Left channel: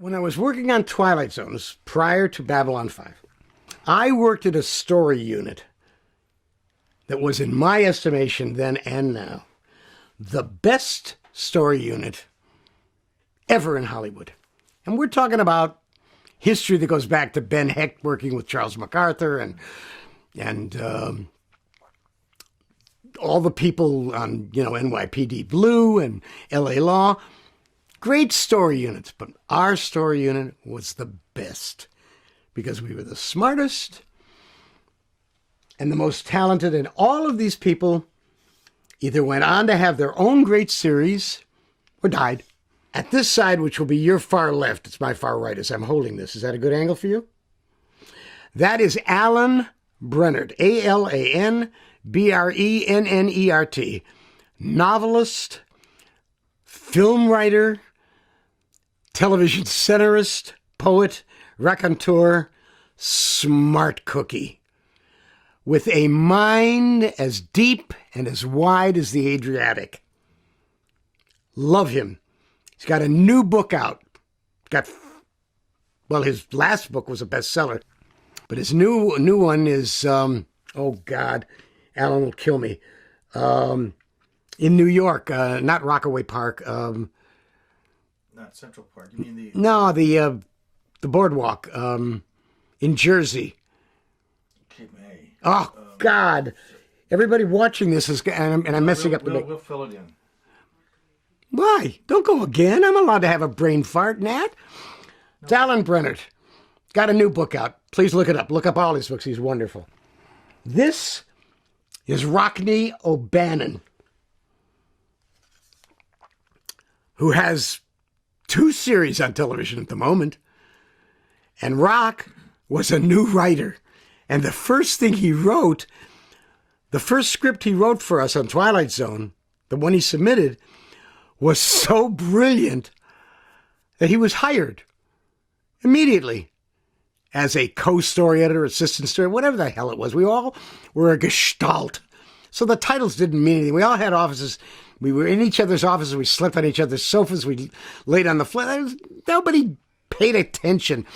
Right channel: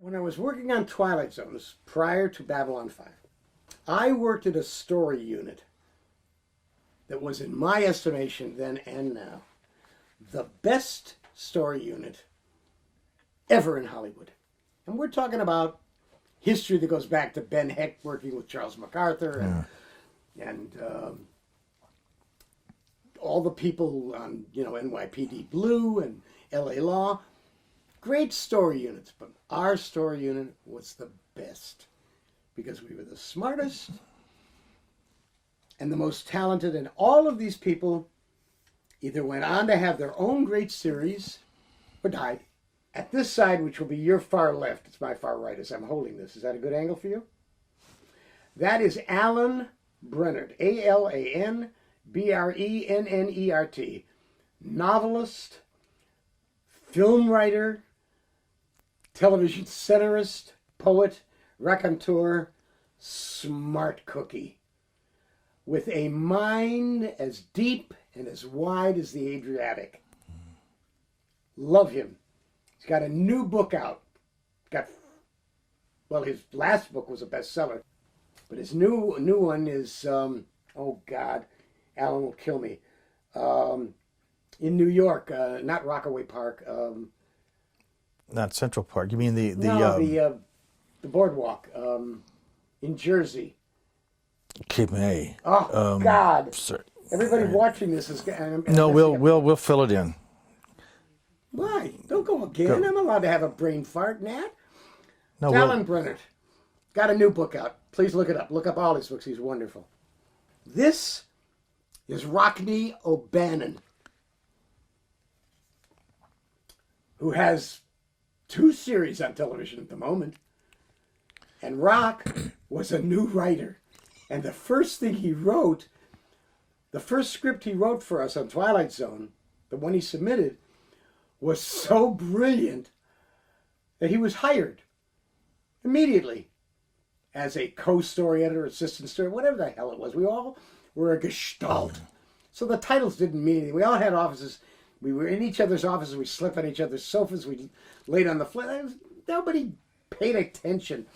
When I was working on Twilight Zone, this was prior to Babylon 5, I worked at a story unit that was, in my estimation then and now, the best story unit ever in Hollywood. And we're talking about history that goes back to Ben Hecht working with Charles MacArthur and all the people on, NYPD Blue and LA Law. Great story units, but our story unit was the best because we were the smartest and the most talented. And all of these people either went on to have their own great series or died. At this side, which will be your far left, it's my far right as I'm holding this. Is that a good angle for you? That is Alan Brennert, A-L-A-N-B-R-E-N-N-E-R-T, novelist, film writer, television centerist, poet, raconteur, smart cookie, with a mind as deep and as wide as the Adriatic. Love him. He's got a new book out. His last book was a bestseller, but his new one is, oh God, Alan will kill me, in New York, not Rockaway Park. Not Central Park. You mean the boardwalk in Jersey. Cape May. Oh God! Everybody watching this is, and I'm messing up. We'll fill it in. Why? Don't go again. I'm allowed to have a brain fart, Nat. No, Alan Brennert got a new book out. Please look it up. Look up all his books. He's wonderful. This is Rockne O'Bannon, who has 2 series on television at the moment. And Rock was a new writer. And the first thing he wrote, the first script he wrote for us on Twilight Zone, the one he submitted, was so brilliant that he was hired immediately as a co-story editor, assistant story, whatever the hell it was. We all were a gestalt. So the titles didn't mean anything. We all had offices. We were in each other's offices. We slept on each other's sofas. We laid on the floor. Nobody paid attention.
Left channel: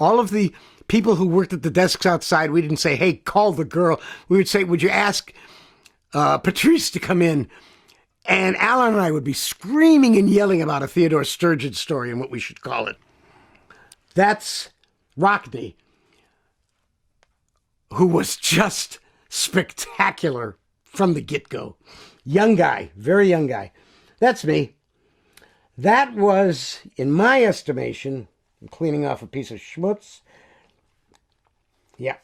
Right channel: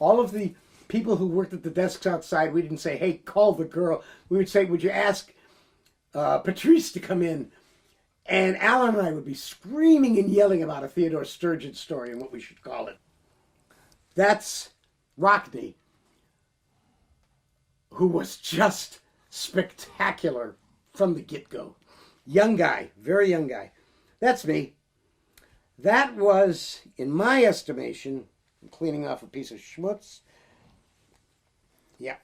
All of the people who worked at the desks outside, we didn't say, hey, call the girl. We would say, would you ask Patrice to come in? And Alan and I would be screaming and yelling about a Theodore Sturgeon story and what we should call it. That's Rockne, who was just spectacular from the get-go. Young guy, very young guy. That's me. That was, in my estimation, I'm cleaning off a piece of schmutz. Yeah.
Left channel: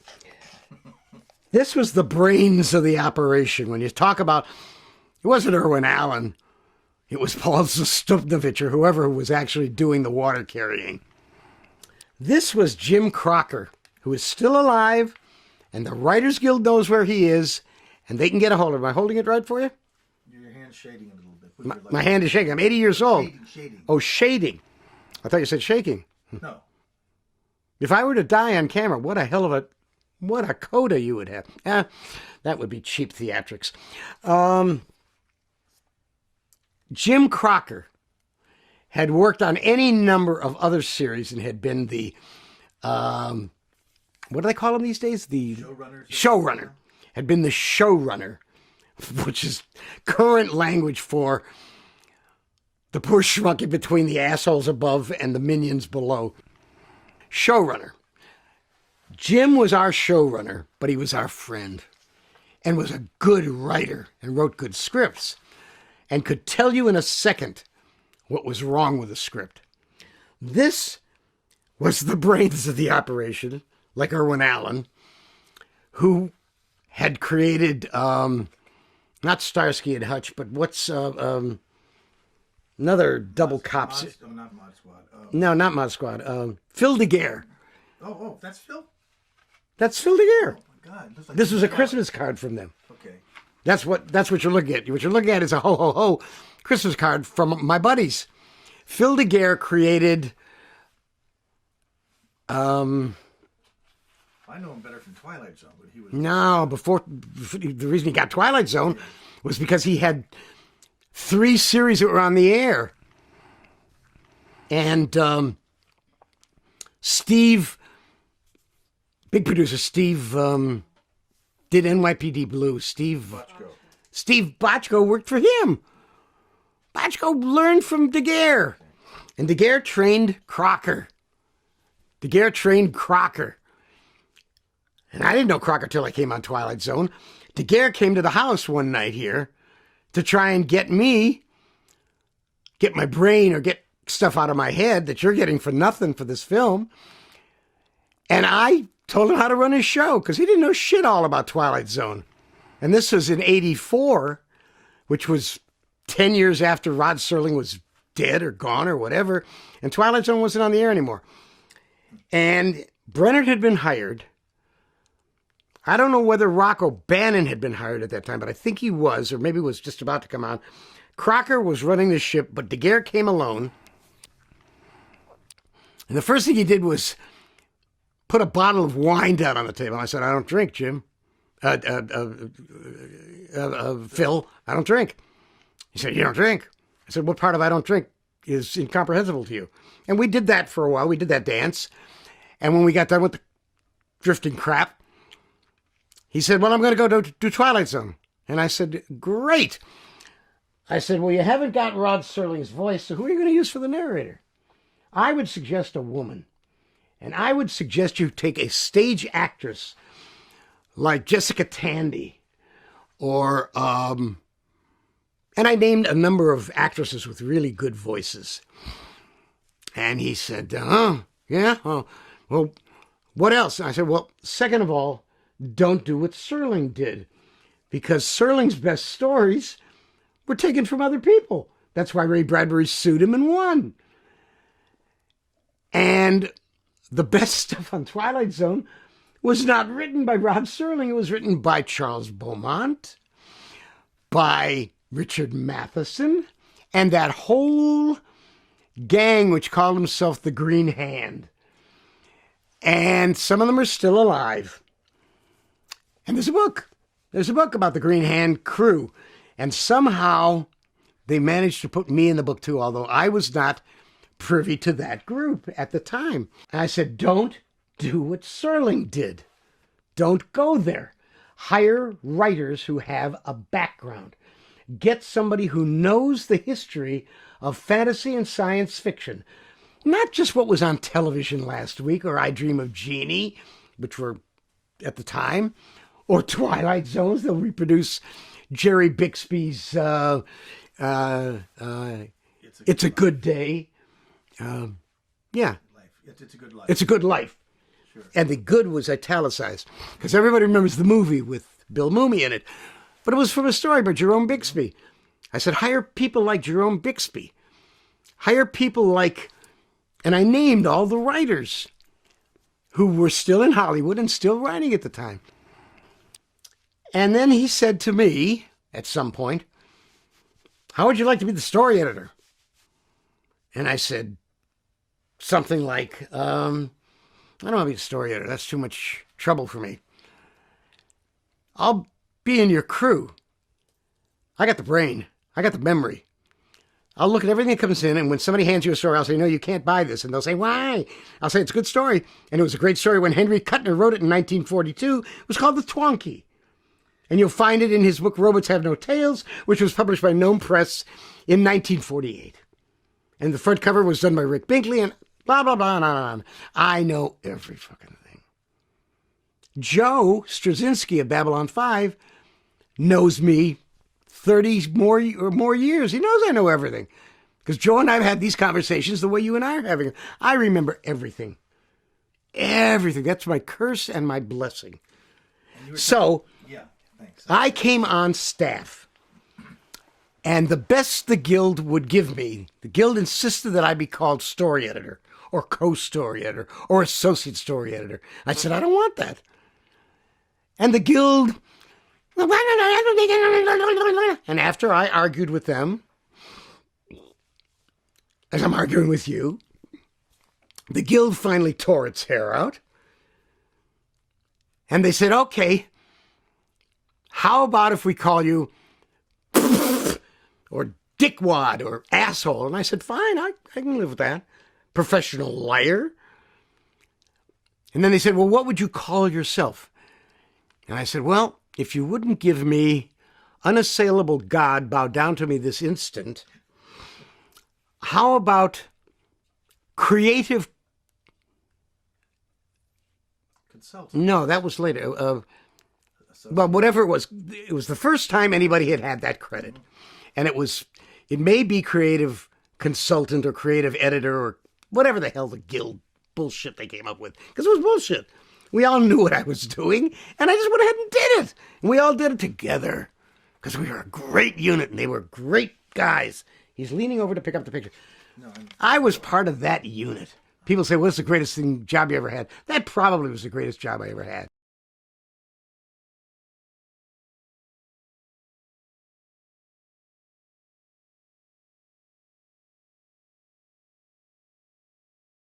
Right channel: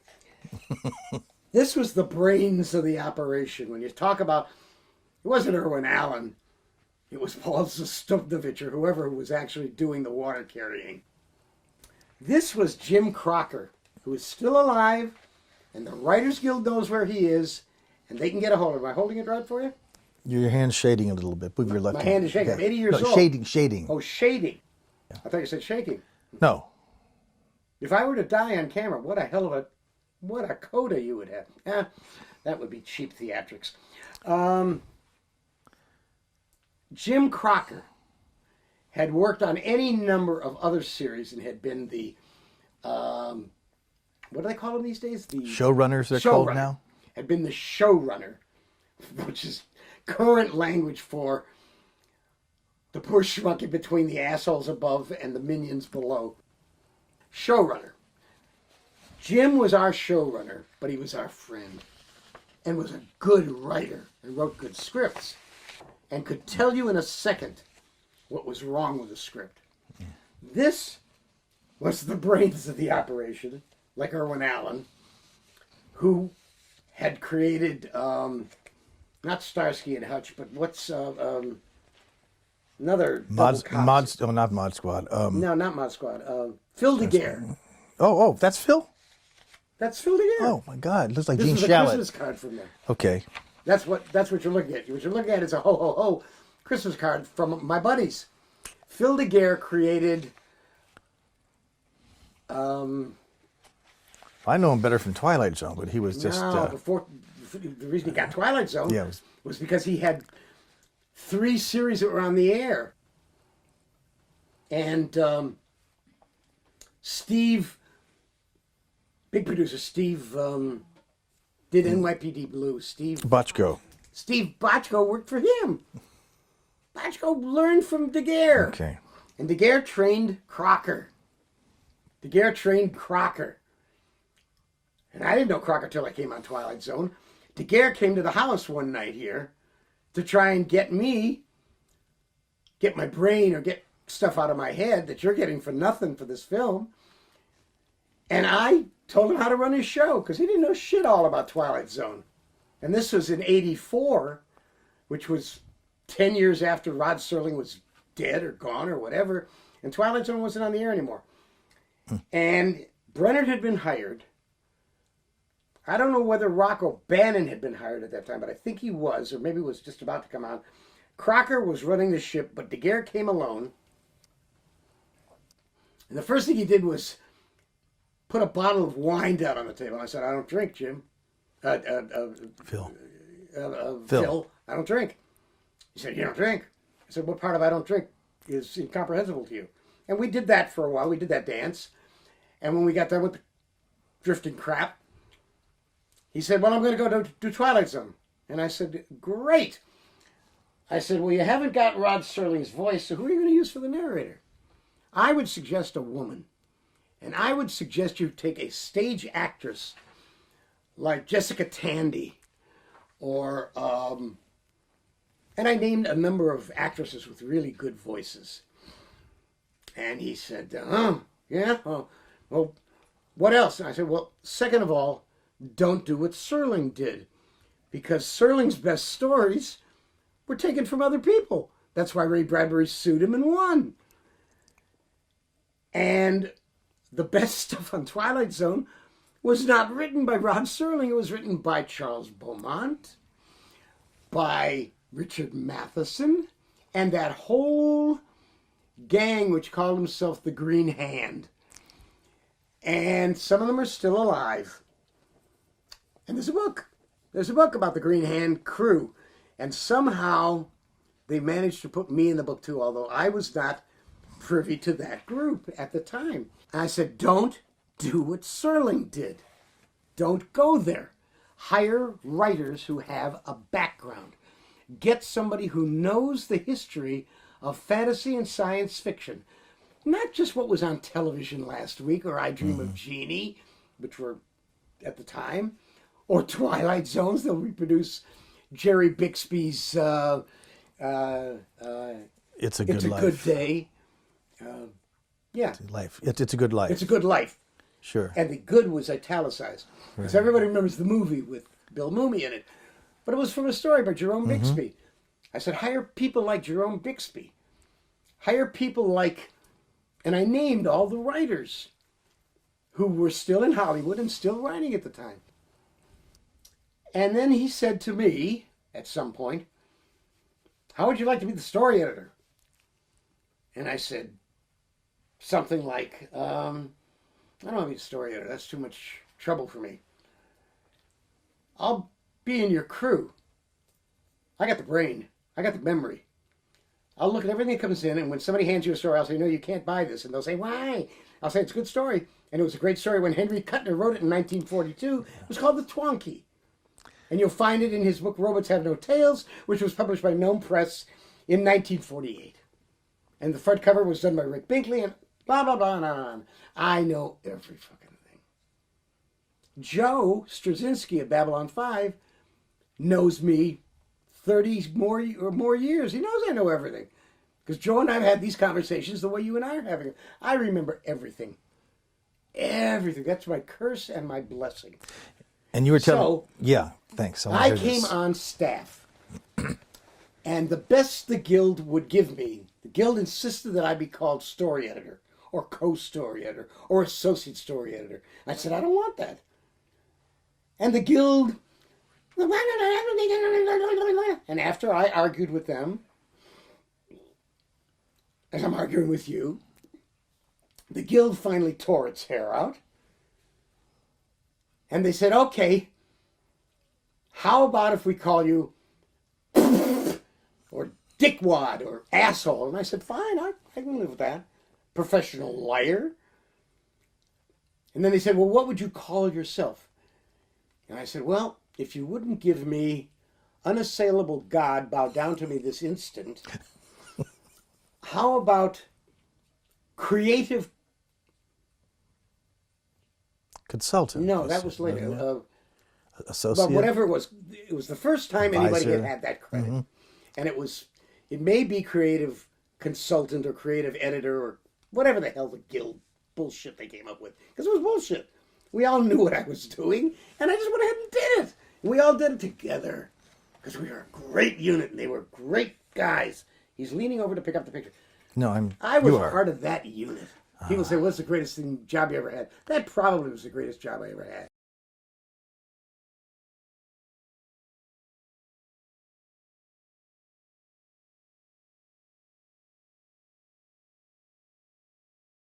This was the brains of the operation. When you talk about, it wasn't Irwin Allen, it was Paul Zastupnovich or whoever was actually doing the water carrying. This was Jim Crocker, who is still alive, and the Writers Guild knows where he is, and they can get a hold of him. Am I holding it right for you? Your hand's shading a little bit. My hand is shaking. I'm 80 years old. Shading. Oh, shading. I thought you said shaking. No. If I were to die on camera, what a coda you would have. That would be cheap theatrics. Jim Crocker had worked on any number of other series and had been the, what do they call them these days? The showrunners. Showrunner. Now? Had been the showrunner, which is current language for the poor shrunk in between the assholes above and the minions below. Showrunner. Jim was our showrunner, but he was our friend and was a good writer and wrote good scripts and could tell you in a second what was wrong with the script. This was the brains of the operation, like Irwin Allen, who had created, not Starsky and Hutch, but what's another double cops? Not Mod Squad. No, not Mod Squad. Phil DeGuerre. Oh, that's Phil? That's Phil DeGuerre. Oh my God! It looks like this Gene is a Shalit. Christmas card from them. Okay. That's what you're looking at. What you're looking at is a ho ho ho Christmas card from my buddies. Phil DeGuerre created. I know him better from Twilight Zone, but he was just... before the reason he got Twilight Zone was because he had 3 series that were on the air. And Steve, big producer, Steve did NYPD Blue. Steve Bochco. Bochco worked for him. Bochco learned from Daguerre. Okay. And Daguerre trained Crocker. And I didn't know Crocker till I came on Twilight Zone. Daguerre came to the house one night here to try and get my brain or get stuff out of my head that you're getting for nothing for this film. And I told him how to run his show because he didn't know shit all about Twilight Zone. And this was in '84, which was 10 years after Rod Serling was dead or gone or whatever. And Twilight Zone wasn't on the air anymore. And Brennard had been hired. I don't know whether Rock O'Bannon had been hired at that time, but I think he was, or maybe was just about to come on. Crocker was running the ship, but Daguerre came alone. And the first thing he did was put a bottle of wine down on the table. I said, I don't drink, Jim. Phil, I don't drink. He said, you don't drink? I said, what part of I don't drink is incomprehensible to you? And we did that for a while. We did that dance. And when we got done with the drifting crap, he said, well, I'm going to go do Twilight Zone. And I said, great. I said, well, you haven't got Rod Serling's voice, so who are you going to use for the narrator? I would suggest a woman. And I would suggest you take a stage actress like Jessica Tandy or, and I named a number of actresses with really good voices. And he said, yeah, well, what else? And I said, well, second of all, don't do what Serling did, because Serling's best stories were taken from other people. That's why Ray Bradbury sued him and won. And the best stuff on Twilight Zone was not written by Rod Serling. It was written by Charles Beaumont, by Richard Matheson, and that whole gang which called himself the Green Hand. And some of them are still alive. And there's a book. There's a book about the Green Hand crew. And somehow they managed to put me in the book too, although I was not privy to that group at the time. And I said, don't do what Serling did. Don't go there. Hire writers who have a background. Get somebody who knows the history of fantasy and science fiction. Not just what was on television last week, or I Dream of Jeannie, which were at the time, or Twilight Zones. They'll reproduce Jerry Bixby's It's a Good Day. Yeah. Life. It's a good life. It's a Good Life. Sure. And the good was italicized, because everybody remembers the movie with Bill Mumy in it. But it was from a story by Jerome Bixby. I said, hire people like Jerome Bixby. Hire people like, and I named all the writers who were still in Hollywood and still writing at the time. And then he said to me at some point, how would you like to be the story editor? And I said something like, I don't want to be the story editor. That's too much trouble for me. I'll be in your crew. I got the brain. I got the memory. I'll look at everything that comes in, and when somebody hands you a story, I'll say, no, you can't buy this. And they'll say, why? I'll say, it's a good story. And it was a great story when Henry Kuttner wrote it in 1942. It was called The Twonky. And you'll find it in his book, Robots Have No Tails, which was published by Gnome Press in 1948. And the front cover was done by Rick Binkley, and blah, blah, blah, and on. I know every fucking thing. Joe Straczynski of Babylon 5 knows me 30 more years. He knows I know everything. Because Joe and I have had these conversations the way you and I are having them. I remember everything. Everything. That's my curse and my blessing. And you were so, yeah, thanks. I came on staff. And the best the Guild would give me, the Guild insisted that I be called story editor or co-story editor or associate story editor. I said, I don't want that. And the Guild, and after I argued with them, as I'm arguing with you, the Guild finally tore its hair out. And they said, okay, how about if we call you or dickwad or asshole? And I said, fine, I can live with that. Professional liar. And then they said, well, what would you call yourself? And I said, well, if you wouldn't give me unassailable God, bow down to me this instant, how about creative? Consultant. No, that was later. Associate. But whatever it was the first time anybody had had that credit. And it may be creative consultant or creative editor or whatever the hell the guild bullshit they came up with. Because it was bullshit. We all knew what I was doing, and I just went ahead and did it. And we all did it together. Because we were a great unit, and they were great guys. He's leaning over to pick up the picture. No, I was part of that unit. People say, what's the greatest job you ever had? That probably was the greatest job I ever had.